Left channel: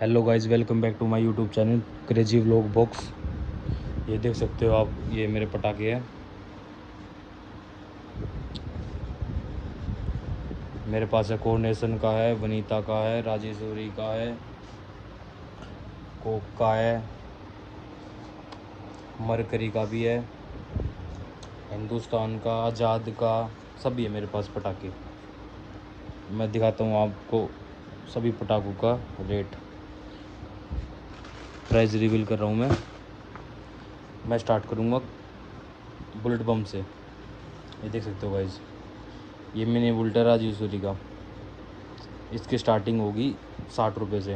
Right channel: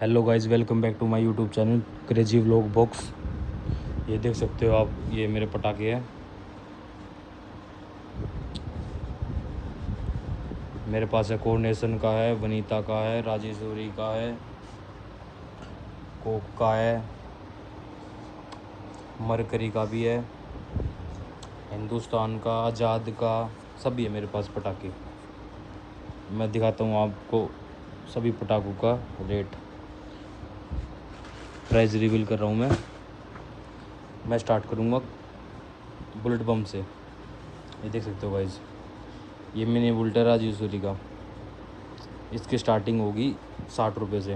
Hello guys, welcome back to my YouTube channel crazy vlog box. ये देख सकते हो आप, ये मेरे पटाखे हैं। मेरे पास है कोऑर्डिनेशन का है, वनीता का है, राजेश्वरी का है, कोक का है, मरकरी का भी है, हिंदुस्तान का, आज़ाद का, सभी है मेरे पास पटाखे। मैं दिखाता हूँ आपको सभी पटाखों का रेट, प्राइस रिवील कर रहा हूँ मैं स्टार्ट करूँगा बुलेट बम से। ये देख सकते हो गाइस, ये मिनी बुलेट है राजेश्वरी का। इसकी स्टार्टिंग होगी 60 रुपये से।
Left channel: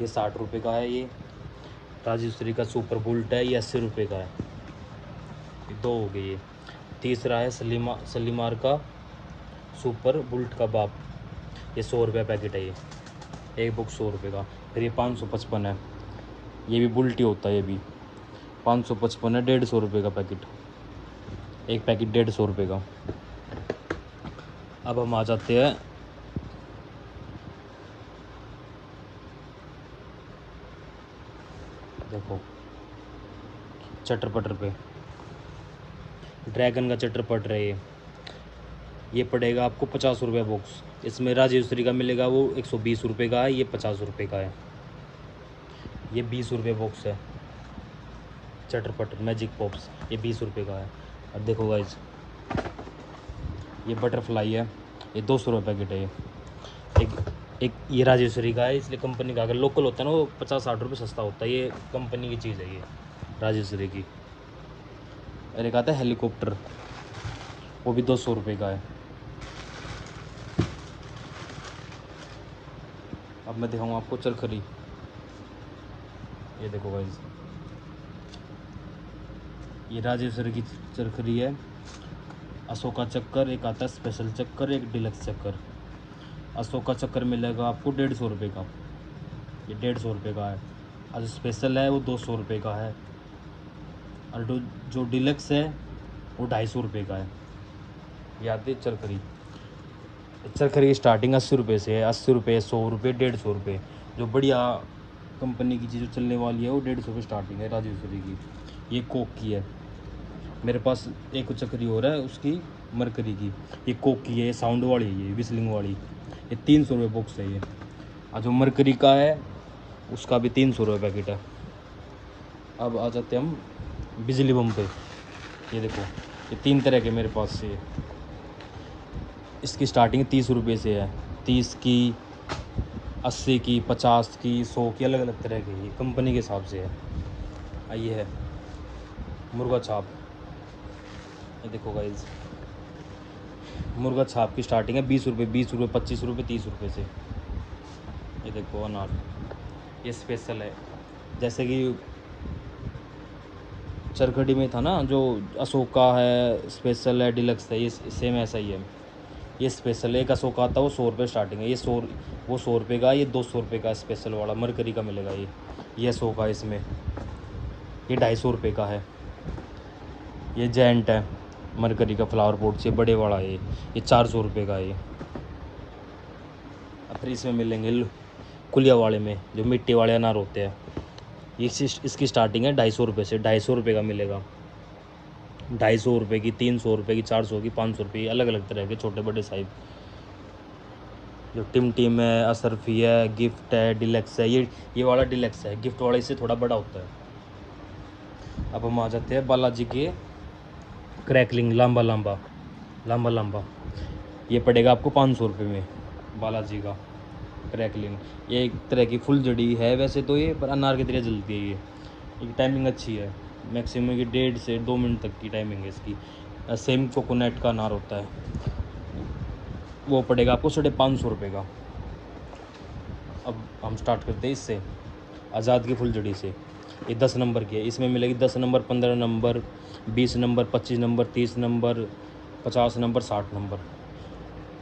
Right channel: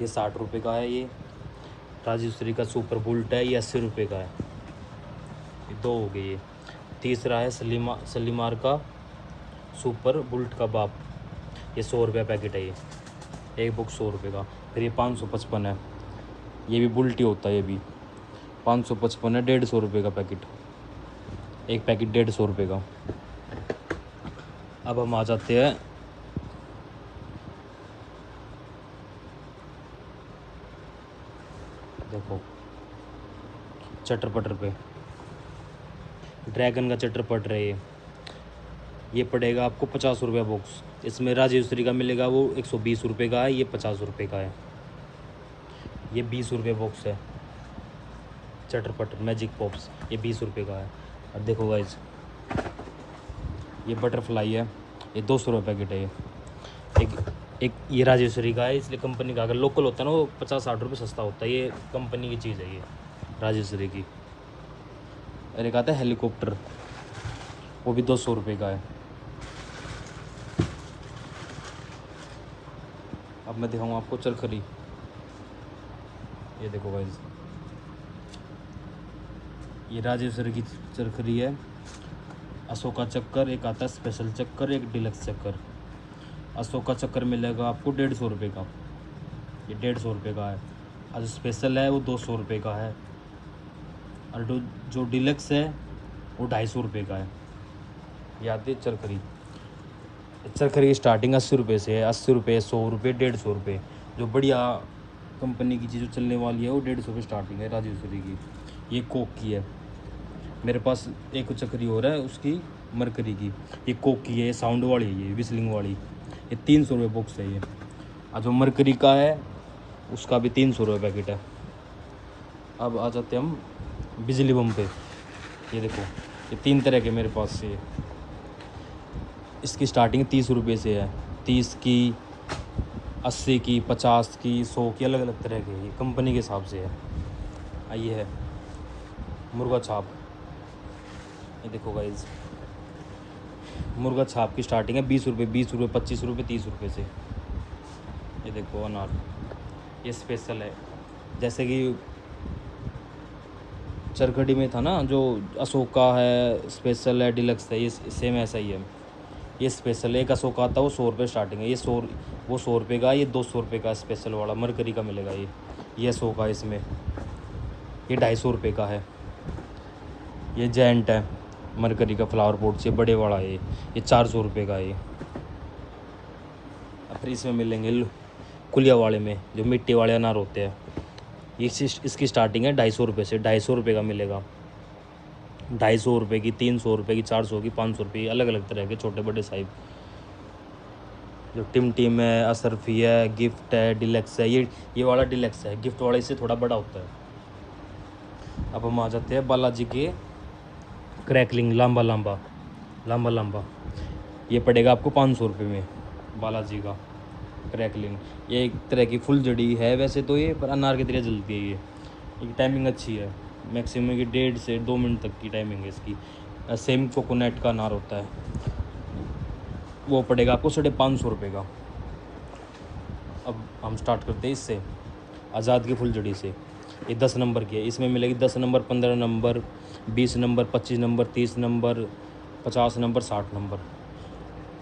ये 60 रुपये का है। ये राजेश्वरी का सुपर बुलेट है, ये 80 रुपये का है। ये दो हो गए। ये तीसरा है सलीमार का सुपर बुलेट का बाप, ये 100 रुपये पैकेट है। ये एक बुक 100 रुपये का। फिर ये 555 है, ये भी बुलेट ही होता है। ये भी 555 है, 150 रुपये का पैकेट, एक पैकेट 150 रुपये का। अब हम आ जाते हैं देखो चटर पटर पे। ड्रैगन का चटर पट रहे ये पड़ेगा आपको 50 रुपये बॉक्स। इसमें राजेश्वरी का मिलेगा, वो 120 रुपये का है, ये 50 रुपये का है। ये 20 रुपये बॉक्स है चटर पटर मैजिक पॉप्स, ये 20 रुपये का है। अब देखो गाइज, ये बटरफ्लाई है, ये 200 रुपये पैकेट है। एक ये राजेश्वरी का है, इसलिए कंपनी का। अगर लोकल होता है ना, वो 50-60 रुपये सस्ता होता है। ये कंपनी की चीज़ है, ये राजेश्वरी की। और एक आता है हेलीकॉप्टर, वो भी 200 रुपये का है। अब मैं दिखाऊंगा आपको चरखरी। ये देखो भाई, ये राजेश्वरी की चरखरी है। अशोका चक्कर, एक आता है स्पेशल चक्कर, एक डिलक्स चक्कर। अशोका चक्कर मिलेगा आपको 150 रुपये का, ये 150 रुपये का है। और स्पेशल है वो 200 रुपये का है। और जो डिलक्स है वो 250 रुपये का है। ये आती है चरखरी। चरखरी की स्टार्टिंग 80 रुपये से है। 80 रुपये, 100 रुपये, 150 रुपये। जो बढ़िया कंपनी की चीज़ जो चलने वाली है वो 150 की स्टार्टिंग है राजेश्वरी की। ये कोक की है। मेरे पास एक चक्री और है उसकी, मरकरी की। ये कोक की है, ये साउंड वाली है, ये विस्लिंग वाली। ये 300 रुपये बॉक्स है ये। और जो मरकरी का है उसका भी 300 रुपये पैकेट है। अब आ जाते हैं हम बिजली बम पे। ये देखो, ये 3 तरह के मेरे पास से। इसकी स्टार्टिंग 30 रुपये से है। 30 की, 80 की, 50 की, 100 की, अलग अलग तरह की, कंपनी के हिसाब से है। ये है मुर्गा छाप। ये देखो गाइस, मुर्गा छाप की स्टार्टिंग है 20 रुपये, 20 रुपये, 25 रुपये, 30 रुपये से। ये देखो अनार, ये स्पेशल है। जैसे कि चरखड़ी में था ना, जो अशोका है, स्पेशल है, डिलक्स है, ये सेम ऐसा ही है। ये स्पेशल है, एक अशोका आता है वो 100 रुपये स्टार्टिंग है। ये 100 रुपये का, ये 200 रुपये का स्पेशल वाला मरकरी का मिलेगा। ये 100 का, इसमें ये 250 रुपये का है। ये जेंट है मरकरी का, फ्लावर पॉट से बड़े वाला है। ये 400 रुपये का है। फिर इसमें मिलेंगे कुलिया वाले में, जो मिट्टी वाले अनार होते हैं। इसकी स्टार्टिंग है 250 रुपये से। 250 रुपये का मिलेगा। 250 रुपये की, 300 रुपये की, 400 की, 500 रुपये की, अलग अलग तरह के छोटे बड़े साइज। जो टिम है, असरफी है, गिफ्ट है, डिलक्स है। ये वाला डिलक्स है, गिफ्ट वाले से थोड़ा बड़ा होता है। अब हम आ जाते हैं बालाजी के क्रैकलिंग, लंबा लंबा। ये पड़ेगा आपको 500 रुपये में, बालाजी का क्रैकलिंग। ये एक तरह की फुल जड़ी है वैसे तो ये, पर अनार की तरह जलती है। ये टाइमिंग अच्छी है, मैक्सिमम की 1.5 से 2 मिनट तक की टाइमिंग है इसकी। सेम कोकोनट का अनार होता है, वो पड़ेगा आपको 550 रुपये का। अब हम स्टार्ट करते हैं इससे, आज़ाद की फुलझड़ी से। ये 10 नंबर की है। इसमें मिलेगी 10 number, 15 number, 20 number, 25 number, 30 number, 50 number, 60 number.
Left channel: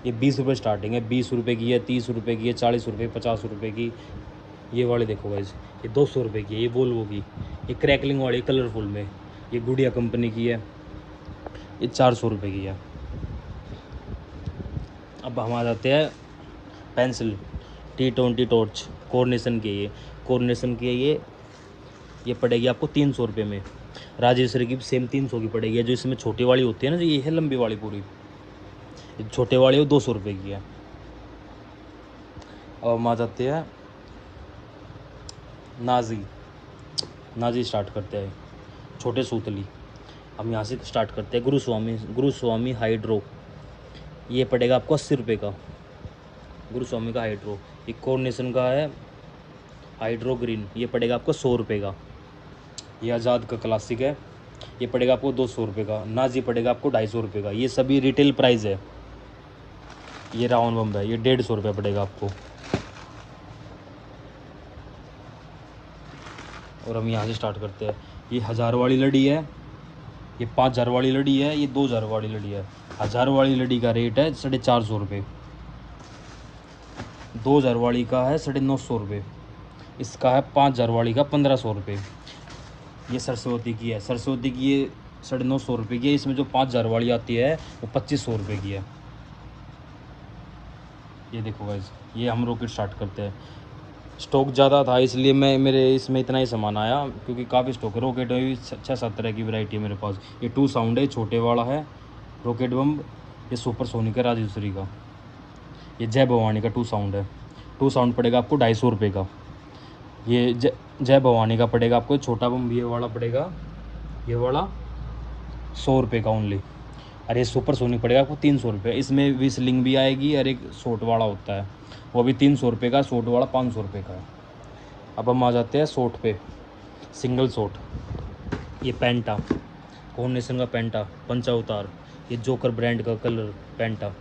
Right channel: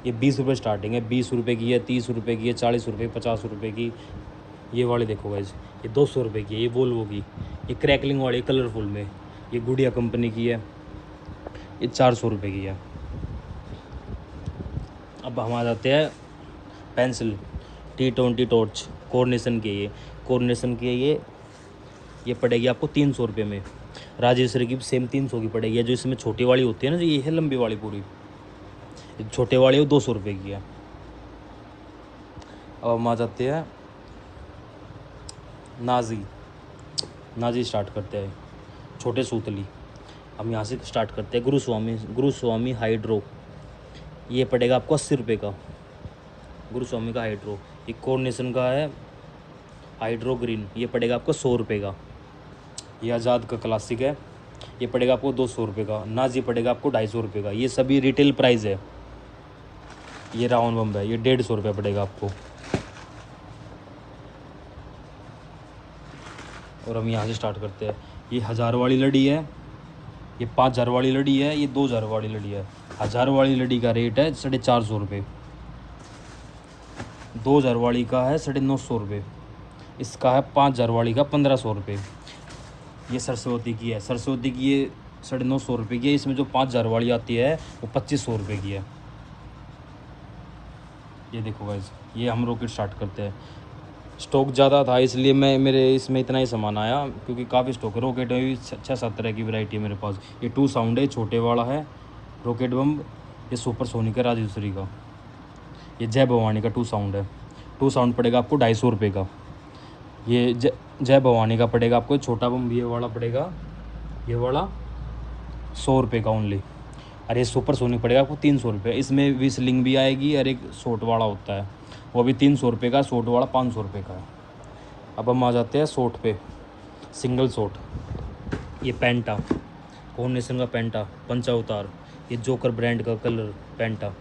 ये 20 रुपये स्टार्टिंग है। 20 रुपये की है, 30 रुपये की है, 40 रुपये, 50 रुपये की। ये वाले देखो गाइस, ये 200 रुपये की है। ये वोल्वो की, ये क्रैकलिंग वाली कलरफुल में, ये गुड़िया कंपनी की है। ये 400 रुपये की है। अब हम आ जाते हैं पेंसिल। T20 टॉर्च कोऑर्डिनेशन की, ये कोऑर्डिनेशन की है, ये पड़ेगी आपको 300 रुपये में। राजेश्वरी की सेम 300 की पड़ेगी। ये जो इसमें छोटी वाली होती है ना, जो ये है लंबी वाली पूरी, छोटे वाली वो 200 रुपये की है। अब हम आ जाते हैं नाजी स्टार्ट करते हैं, छोटे सूतली। हम यहाँ से स्टार्ट करते हैं। गुरुस्वामी हाइड्रो, ये पड़ेगा आपको 80 रुपये का। गुरुस्वामी का हाइड्रो, ये कोऑर्डिनेशन का है हाइड्रो ग्रीन, ये पड़ेगा आपको 100 रुपये का। ये आज़ाद का क्लासिक है, ये पड़ेगा आपको 200 रुपये का। नाजी पड़ेगा आपको 250 रुपये का। ये सभी रिटेल प्राइस है। ये रावण बम है, ये 150 रुपये पड़ेगा आपको। और हम यहाँ से स्टार्ट करते हैं। ये 1000 वाली लड़ी है, ये 5000 वाली लड़ी है, ये 2000 वाली लड़ी है। 1000 वाली लड़ी का रेट है 450 रुपये, 2000 वाली का है 950 रुपये, इसका है 5000 वाली का 1500 रुपये। ये सरस्वती की है, सरस्वती की ये 950 रुपये की है। इसमें जो 5000 वाली आती है वो 2500 रुपये की है। ये देखो गाइस, ये हम रॉकेट स्टार्ट करते हैं। स्टॉक ज़्यादा था इसलिए मेरे इसमें इतना ही सामान आया, क्योंकि काफ़ी स्टॉक है। रॉकेट में भी 6-7 तरह की वैरायटी है मेरे पास। ये 2 साउंड है, छोटे वाला है रॉकेट बम। ये सुपर सोनिक है राजेश्वरी का। ये जय भवानी का 2 साउंड है। 2 साउंड पड़ेगा आपको 250 रुपये का। ये जय भवानी का पड़ेगा आपको, छोटा बम भी ये वाला पड़ेगा, ये वाला 100 रुपये का ओनली। और ये सुपर सोनिक पड़ेगा आपको 300 रुपये। इसमें विस्लिंग भी आएगी और एक शॉट वाला होता है, वो भी 300 रुपये का। शॉट वाला 500 रुपये का है। अब हम आ जाते हैं शॉट पे, सिंगल शॉट। ये पेंटा, कॉम्बिनेशन का पेंटा, पंचावतार, ये जोकर ब्रांड का कलर पेंटा,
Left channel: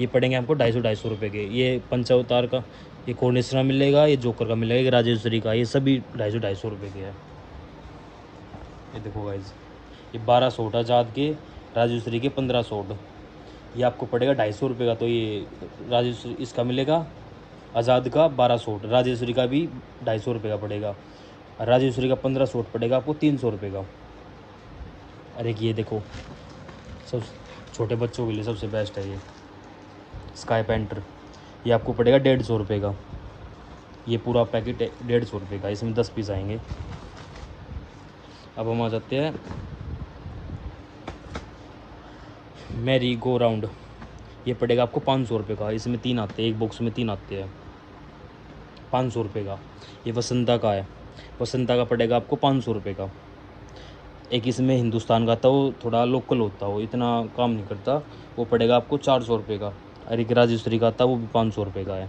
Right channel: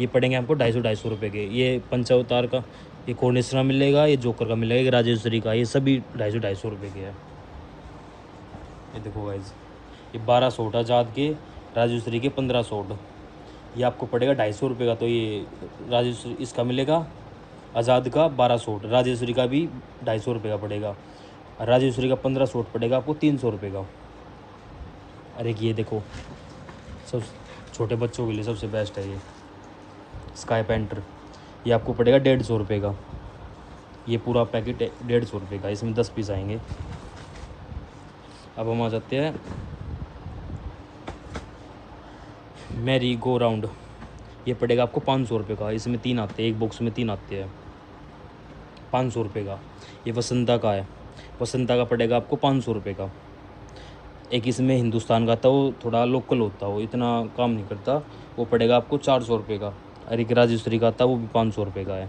ये पड़ेंगे आपको 250 रुपये के। ये पंचावतार का, ये कॉर्निशना मिलेगा, ये जोकर का मिलेगा, ये राजेश्वरी का, ये सभी 250 रुपये के है। ये देखो गाइज, ये 12 शॉट आज़ाद के, राजेश्वरी के 15 शॉट, ये आपको पड़ेगा 250 रुपये का। तो ये राजेश्वरी इसका मिलेगा, आज़ाद का 12 शॉट, राजेश्वरी का भी 250 रुपये का पड़ेगा। राजेश्वरी का 15 शॉट पड़ेगा आपको 300 रुपये का। अरे ये देखो, सब छोटे बच्चों के लिए सबसे बेस्ट है ये स्काई पेंटर, ये आपको पड़ेगा 150 रुपये का। ये पूरा पैकेट 150 रुपये का, इसमें 10 पीस आएंगे। अब हम आ जाते हैं मैरी गो राउंड, ये पड़ेगा आपको 500 रुपये का। इसमें 3 आते हैं, एक बॉक्स में 3 आते हैं, 500 रुपये का। ये वसंता का है, वसंता का पड़ेगा आपको 500 रुपये का। एक इसमें हिंदुस्तान का था, वो थोड़ा लोकल होता है, वो इतना काम नहीं करता, वो पड़ेगा आपको 400 रुपये का। और एक राजेश्वरी का था, वो भी 500 रुपये का है।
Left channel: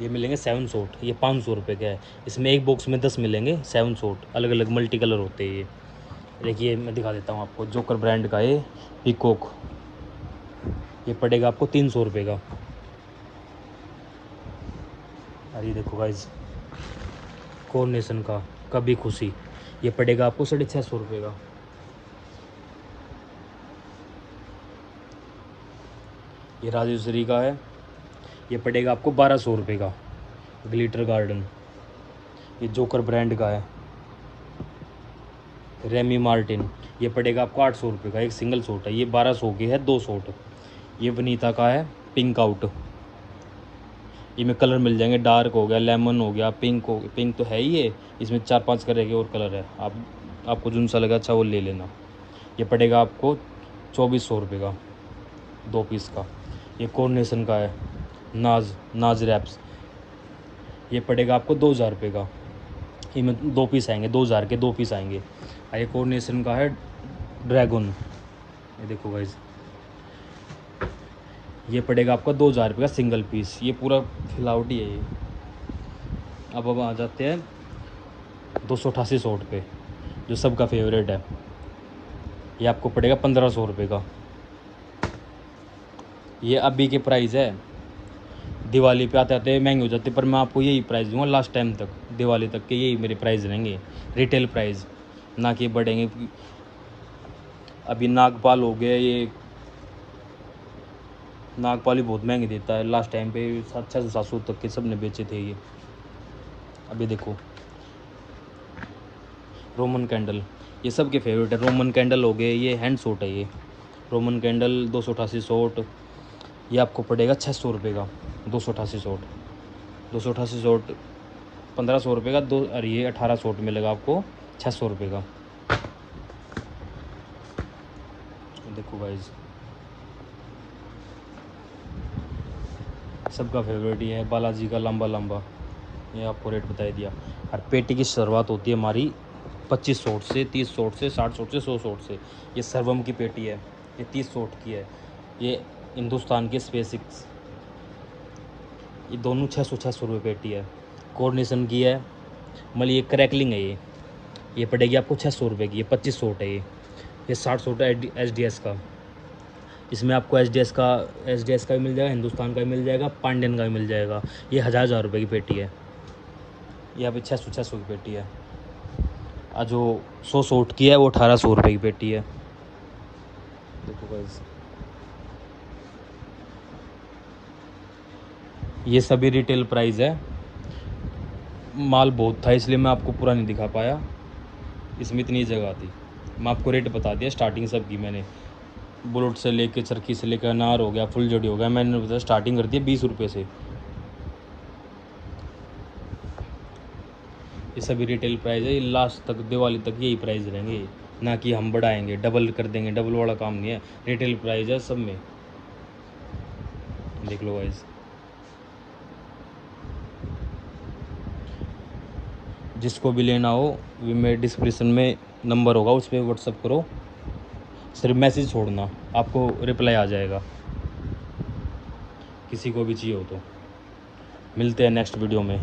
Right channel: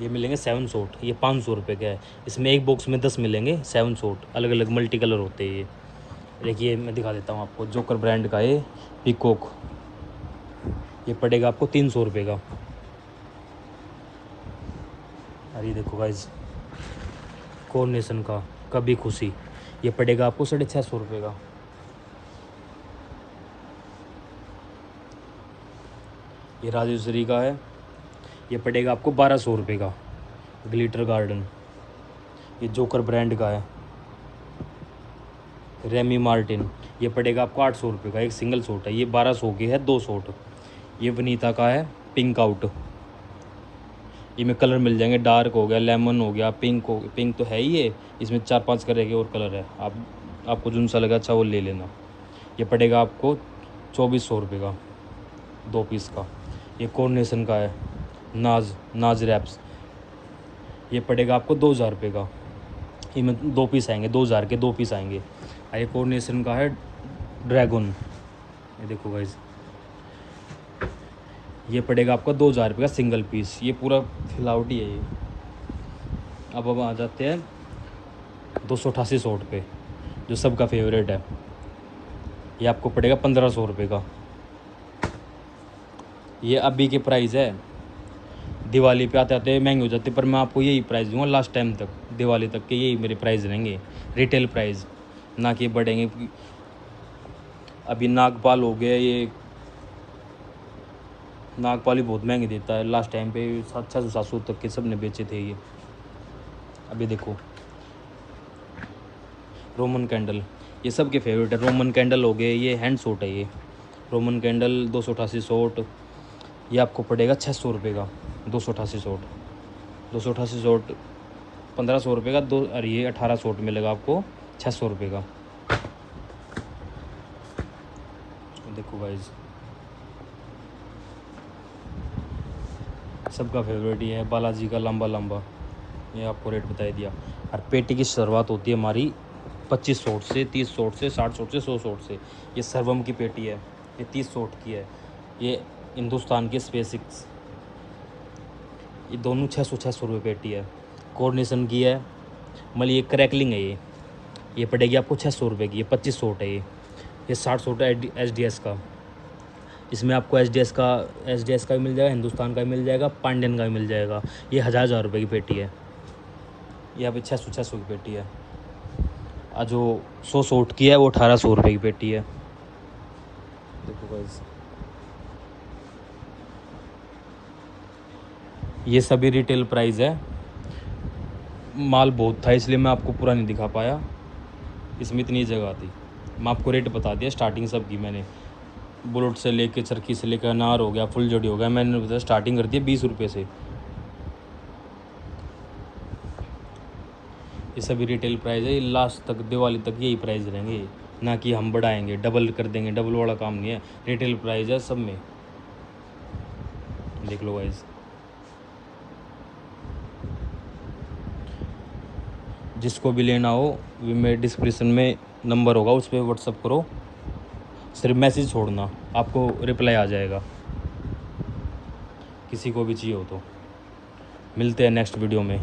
ये मिलेंगे 7 शॉट, ये 500 रुपये का है। इसमें एक बॉक्स में 10 मिलेंगे 7 शॉट, अलग अलग मल्टी कलर होते हैं ये। देखिए मैं दिखा देता हूँ आपको, जोकर ब्रांड का है पिकॉक, ये पड़ेगा आपको 300 रुपये का। अरे देखो गाइज, कोऑर्डिनेशन का कभी खुशी, ये पड़ेगा आपको 650 रुपये का। ये राजेश्वरी का है, ये पड़ेगा आपको 1200 रुपये का। ग्लिटर गार्डन, ये जोकर ब्रांड का है। रेमी मार्टिन, ये पड़ेगा आपको 800 रुपये का, एक सिंगल शॉट है। ये 1200 की है, 2 शॉट। ये वनीता का है पिंक आउट, ये में कलर मिल जाएंगे, डार्क हो गया, लेमन हो गया, पिंक हो, पिंक तो है ही है, इसमें 4-5 तरह के और कलर है। आपको जो सा लगा अच्छा वो ले लेना। ये पड़ेगा आपको 2400 रुपये का, 2 पीस का। ये कोऑर्डिनेशन का है नाज रैप्स, ये पड़ेगा आपको 2000 रुपये का। ये में 2 पीस आएंगे, 2000 के 2 पीस आएंगे। ये कोऑर्डिनेशन का है ड्रैगन, ये देखो गाइस, ये पड़ेगा आपको 2000 रुपये का सिंगल पीस। ये पूरा फ्लावटी है ये। अब आ जाते हैं 288 शॉट पे, जो सबका फेवरेट है। ये आपको पड़ेगा 1500 रुपये का। ये अभी के प्राइस है, दिवाली पे आते आते महंगे हो जाते, पर मैं आपको यही प्राइस दूंगा लास्ट टाइम तक, दिवाली तक के यही मेरे प्राइस रहेंगे, रिटेल प्राइस, ना कि बढ़ेंगे। अभी नागपाल हो गया, ये नागपाल ही बहुत महंगे देता है, लास्ट टाइम पे 600-700 तक के सब ने बेचे थे ये। अभी देखो रोमन कैंडल, ये सब के फेवरेट है। रोमन कैंडल हो गए, ये हैंड शॉट है, ये रोमन कैंडल 288 शॉट, ये आपको पड़ेगा 600 रुपये का, 288 शॉट। 288 शॉर्ट 1500 रुपये का दो, अरे ये 18 शॉर्ट मिलेगा आपको 600 रुपये का। देखो गाइज, सबका फेवरेट ये है बालाजी का लंबा लंबा, ये आपको रेट बता दिया। और पेटी की शुरुआत होती है हमारी 25 शॉर्ट से, 30 शॉर्ट से, 60 शॉर्ट से, 100 शॉर्ट से। ये सर्वम की पेटी है, ये 30 शॉर्ट की है। ये हिंदुस्तान की स्पेसिक्स, ये दोनों 600 रुपये पेटी है। कोऑर्डिनेशन की है, मतलब ये क्रैकलिंग है। ये पड़ेगी आपको 600 रुपये की। ये 25 शॉर्ट है। ये 60 शॉर्ट है एसडीएस का। इसमें आपको एसडीएस का भी मिल जाएगा, हिंदुस्तान का भी मिल जाएगा, पांडियन का भी मिल जाएगा। ये 1000 रुपये की पेटी है। यहाँ पे 600 की पेटी है। और जो 100 शॉर्ट की है वो 1800 रुपये की पेटी है। देखो गाइस, ये सभी रिटेल प्राइस है। माल बहुत था इसलिए मैं आपको पूरा नहीं दिखा पाया, इसमें इतनी जगह थी। मैं आपको रेट बता दिया स्टार्टिंग सब की। मैंने बुलेट से लेके चरखी से लेकर अनार हो गया, फुल जोड़ी हो गया, मैंने बताया स्टार्टिंग कर दी 20 रुपये से। ये सभी रिटेल प्राइस है। लास्ट तक दिवाली तक यही प्राइस रहेंगे, ना कि हम बढ़ाएंगे, डबल कर देंगे। डबल वाला काम नहीं है, रिटेल प्राइस है सब में। देख लो गाइस, जिसको भी लेना हो मेरे डिस्क्रिप्शन में नंबर होगा, उस पर व्हाट्सअप करो, सिर्फ मैसेज छोड़ना, आपको रिप्लाई आ जाएगा। किसी को भी चाहिए हो तो। मिलते हैं नेक्स्ट वीडियो में।